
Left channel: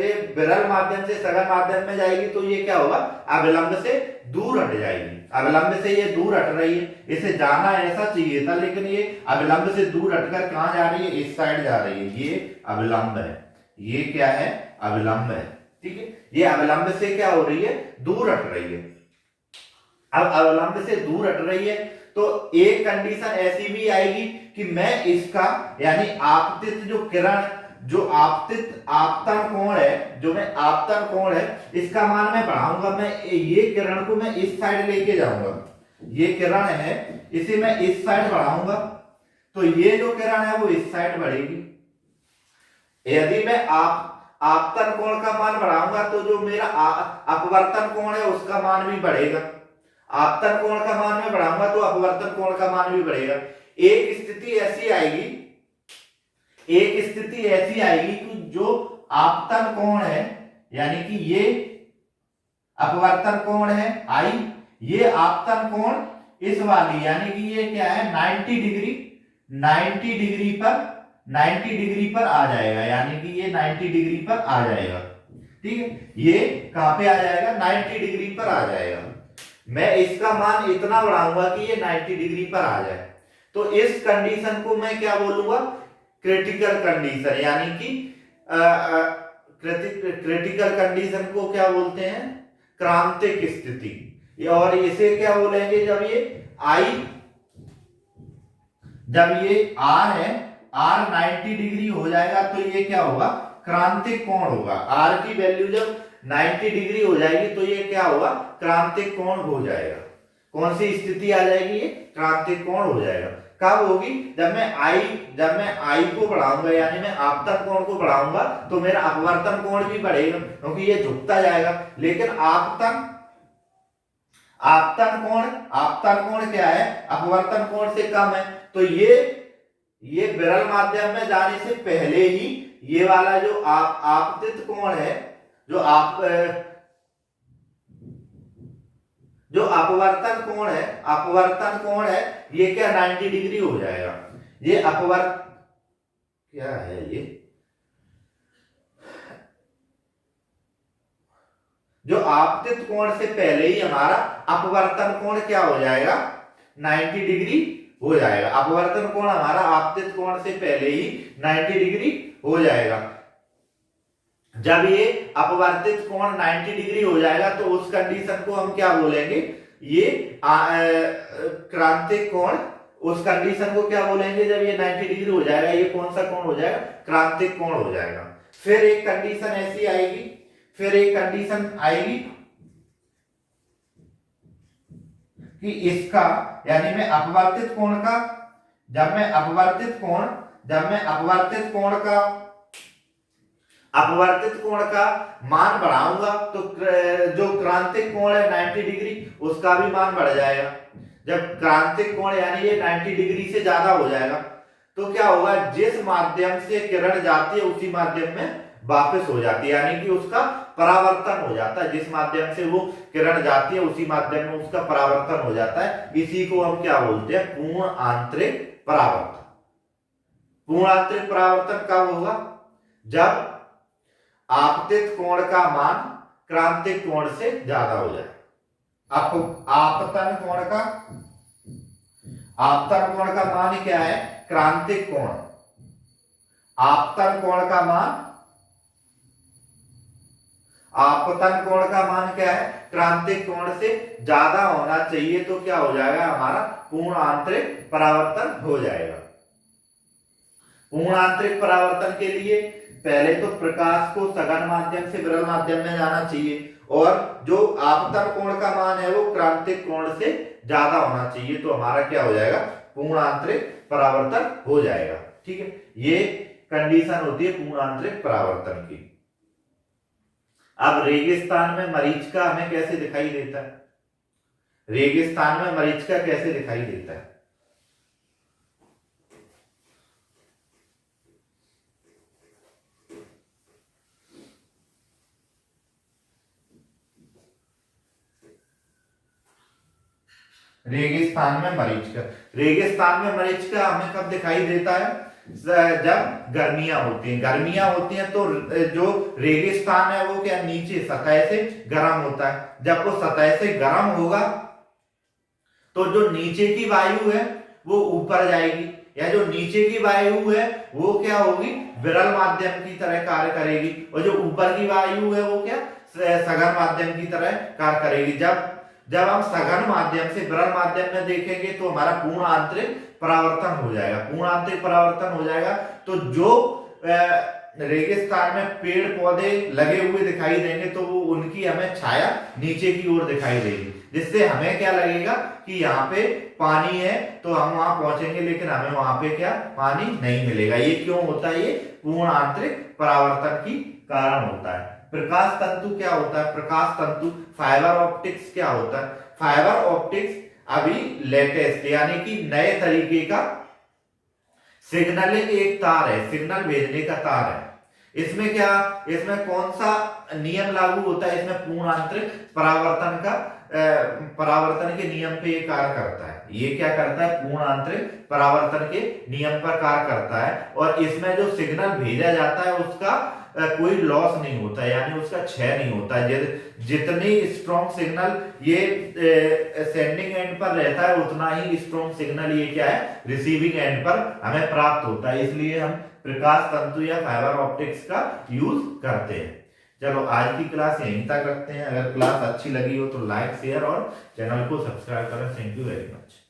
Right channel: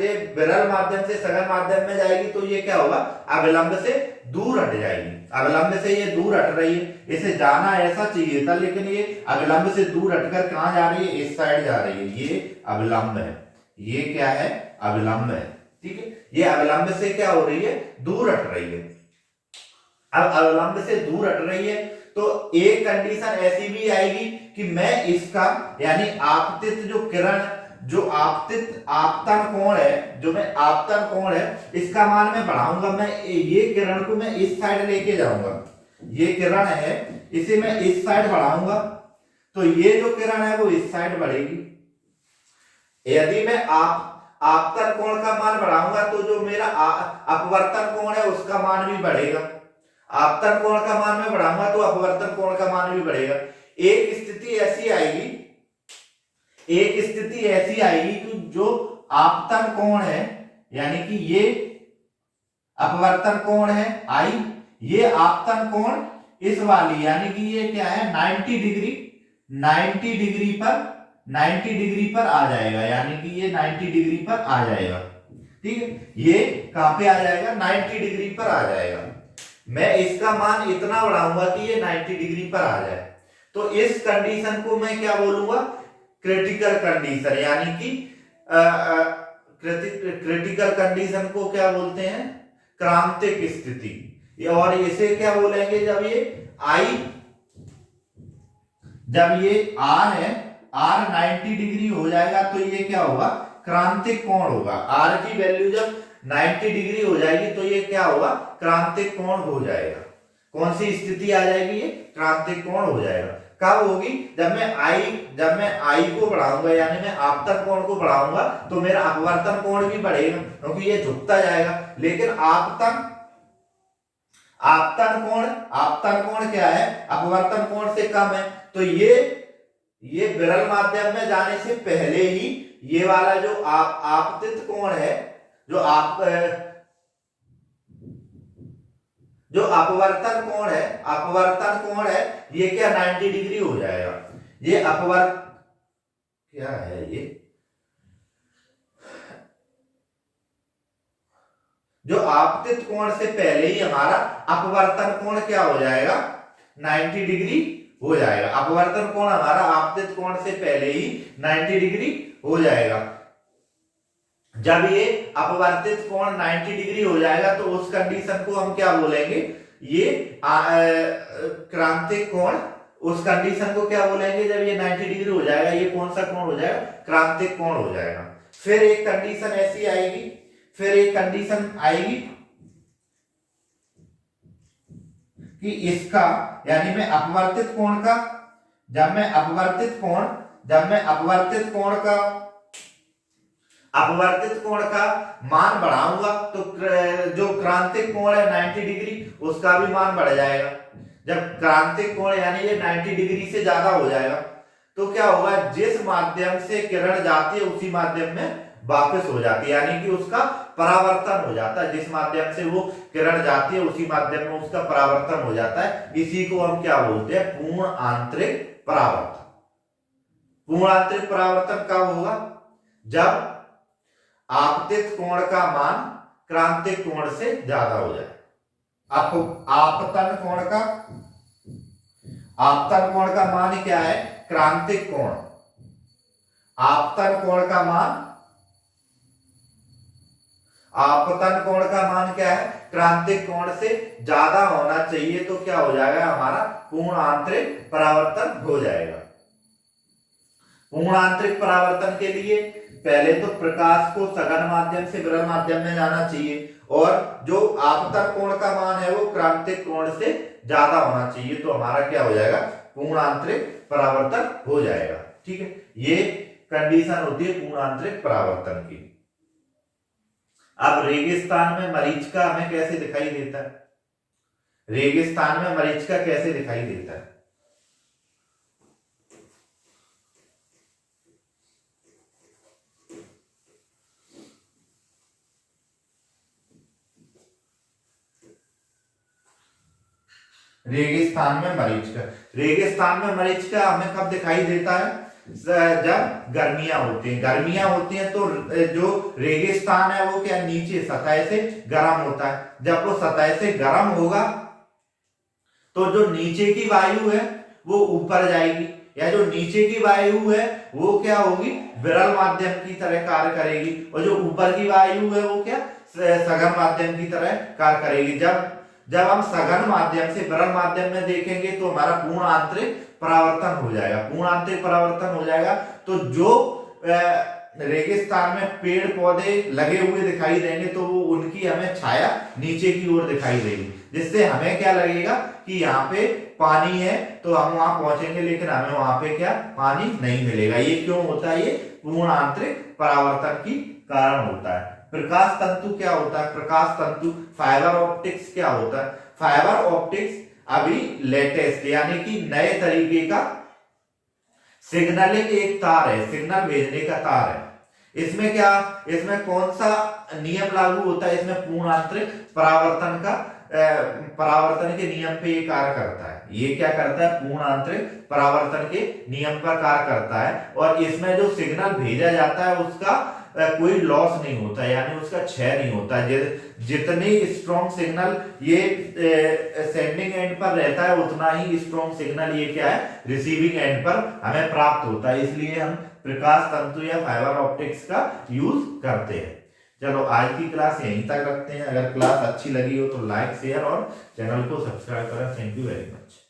ये विरल माध्यम से सघन माध्यम में जाएगी तो ये क्या होगा? अविलंब से दूर हट जाएगी। अविलंब से ये दूर हट रही है, इसे जाना ऐसा चाहिए था, लेकिन ये अविलंब से दूर हटकर कहां जा रही है? इस साइड जा रही है। ये अविलंब है, ये क्या है? अविलंब है। ठीक है, ये अविलंब से क्या हो रही है? दूर हट रही है। अब अविलंब से दूर हट रही है तो एक कंडीशन ऐसी भी आएगी कि मैं इसका, यानी आपतित जो किरण, जो आपतन कोण है, जो मैं आपतन कोण है, इसका मान मैं बढ़ाऊंगा। मैं ये किरण को मैं इस साइड लेके जाऊंगा, ये किरण है, इसे मैं इस साइड बढ़ाऊंगा तो ये जो किरण है वो इस साइड बढ़ेगी। यदि मैं आपतन कोण का मान बढ़ाऊंगा तो जो मेरा अपवर्तन कोण है उसका मान भी बढ़ेगा। आपतन कोण का मान में बढ़ाऊंगा तो अपवर्तन कोण का मान भी बढ़ेगा। एक स्थिति ऐसी आएगी कि जो आपतन कोण है, यानी कि ये अपवर्तन कोण है I, ये आपतन कोण इस वाली, यानी कि ये क्या है? 90 डिग्री पर आ जाएगा, यानी कि ये 90 डिग्री पर आ जाएगा। ठीक है, ये कहां पे आ जाएगा? 90 डिग्री पर आ जाएगा। मैं इसका मान इतना बढ़ाऊंगा कि ये 90 डिग्री पर आ जाए, तो इस कंडीशन को मैं क्या बोलूंगा? क्रिटिकल कंडीशन, यानी कि क्रिटिकल कंडीशन को क्या बोलते हैं? क्रांतिक स्थिति। और इसे क्या बोलेंगे? जब ये R है, R 90 डिग्री हो जाएगा तो ये क्या होगा? क्रांतिक कोण होगा। R की वैल्यू जब 90 डिग्री हो जाएगी तो ये क्या होगा? क्रांतिक कोण हो जाएगा। कौन सी स्थिति आ जाएगी? ये क्रांतिक कोण हो जाएगा। कब होगी? जब मैं I को बढ़ाऊंगा, यानी मैं आपतन कोण को बढ़ाऊंगा तो मेरा अपवर्तन कोण भी बढ़ेगा, क्योंकि ये झुकता जाएगा। लेकिन आपतन कोण क्या है? अपवर्तन कोण से कम है, तो ये विरल माध्यम में जाने से पहले ही ये वाला जो आपतित कोण है, जो अपवर्तन कोण है, ये क्या? 90 डिग्री हो जाएगा। ये क्या है? ये जो आपतित कोण से पहले ही हमारा अपवर्तन कोण क्या हो जाएगा? 90 डिग्री हो जाएगा। अपवर्तन कोण हमारा आपतित कोण से पहले ही 90 डिग्री हो जाएगा। जब ये अपवर्तित कोण 90 डिग्री हो जाएगा तो उस कंडीशन को हम क्या बोलेंगे, ये क्रांतिक कोण। उस कंडीशन को क्या बोलेंगे, जब ये 90 डिग्री हो जाएगा, ये कौन सा कोण हो जाएगा, क्रांतिक कोण हो जाएगा। फिर एक कंडीशन ऐसी आएगी, फिर एक कंडीशन आएगी कि इसका, यानी मैं अपवर्तित कोण का, जब मैं अपवर्तित कोण का मान बढ़ाऊंगा तो जो क्रांतिक कोण है 90 डिग्री, उसका भी मान बढ़ जाएगा। जब क्रांतिक कोण यानी ये 90 डिग्री से ज्यादा हो जाएगा तो क्या होगा, जिस माध्यम से किरण जाती है उसी माध्यम में वापस हो जाती है, यानी कि उसका परावर्तन हो जाता है। जिस माध्यम से वो किरण जाती है उसी माध्यम में उसका परावर्तन हो जाता है। इसी को हम क्या बोलते हैं, पूर्ण आंतरिक परावर्तन। पूर्ण आंतरिक परावर्तन कब होगा, जब आपतित कोण का मान क्रांतिक कोण से ज्यादा हो जाए। आपतन कोण का मान क्या है, क्रांतिक कोण। आपतन कोण का मान क्या है, क्रांतिक कोण से ज्यादा होना चाहिए, तो क्या हो जाएगा, हमारा पूर्ण आंतरिक परावर्तन हो जाएगा। पूर्ण आंतरिक परावर्तन के लिए पहले तो प्रकाश को सघन माध्यम से विरल माध्यम में जाना चाहिए, और जो आपतन कोण का मान है वो क्रांतिक कोण से ज्यादा होना चाहिए, तो हमारा क्या हो जाएगा, पूर्ण आंतरिक परावर्तन हो जाएगा। ठीक है, ये कंडीशन होती है पूर्ण आंतरिक परावर्तन की। अब रेगिस्तान में मरीचिका हमें कैसे दिखाई देता है, रेगिस्तान में मरीचिका कैसे दिखाई देता है। रेगिस्तान में मरीचिका हमें कब दिखाई देता है, जब गर्मियां होती हैं तो जो रेगिस्तान है वो क्या, नीचे सतह से गर्म होता है। जब वो सतह से गर्म होगा तो जो नीचे की वायु है वो ऊपर जाएगी, या जो नीचे की वायु है वो क्या होगी, विरल माध्यम की तरह कार्य करेगी, और जो ऊपर की वायु है वो क्या, सघन माध्यम की तरह कार्य करेगी। जब हम सघन माध्यम से विरल माध्यम में देखेंगे तो हमारा पूर्ण आंतरिक परावर्तन हो जाएगा। पूर्ण आंतरिक परावर्तन हो जाएगा तो जो रेगिस्तान में पेड़ पौधे लगे हुए दिखाई देंगे तो वो उनकी हमें छाया नीचे की ओर दिखाई देगी, जिससे हमें क्या लगेगा कि यहाँ पे पानी है, तो हम वहां पहुंचेंगे लेकिन हमें वहां पे क्या, पानी नहीं मिलेगा। ये क्यों होता है, ये पूर्ण आंतरिक परावर्तन की कारण होता है। प्रकाश तंतु क्या होता है, प्रकाश तंतु, फाइबर ऑप्टिक्स क्या होता है। फाइबर ऑप्टिक्स अभी लेटेस्ट यानी कि नए तरीके का सिग्नलिंग एक तार है, सिग्नल भेजने का तार है। इसमें क्या, इसमें कौन सा नियम लागू होता है, इसमें पूर्ण आंतरिक परावर्तन के नियम पे ये कार्य करता है। ये क्या करता है, पूर्ण आंतरिक परावर्तन के नियम पर कार्य करता है, और इसमें जो सिग्नल भेजा जाता है उसका कोई लॉस नहीं होता, यानी उसका क्षय नहीं होता है। जितनी स्ट्रॉन्ग सिग्नल ये सेंडिंग एंड पर रहता है उतना ही स्ट्रॉन्ग सिग्नल ये क्या है, रिसीविंग एंड पर हमें प्राप्त होता है। इसलिए हम प्रकाश तंतु या फाइबर ऑप्टिक्स का यूज करते हैं। चलो आज की क्लास यहीं तक रखते हैं। अगर क्लास अच्छी लगी हो तो लाइक शेयर और चैनल को सब्सक्राइब करें। Thank you very much.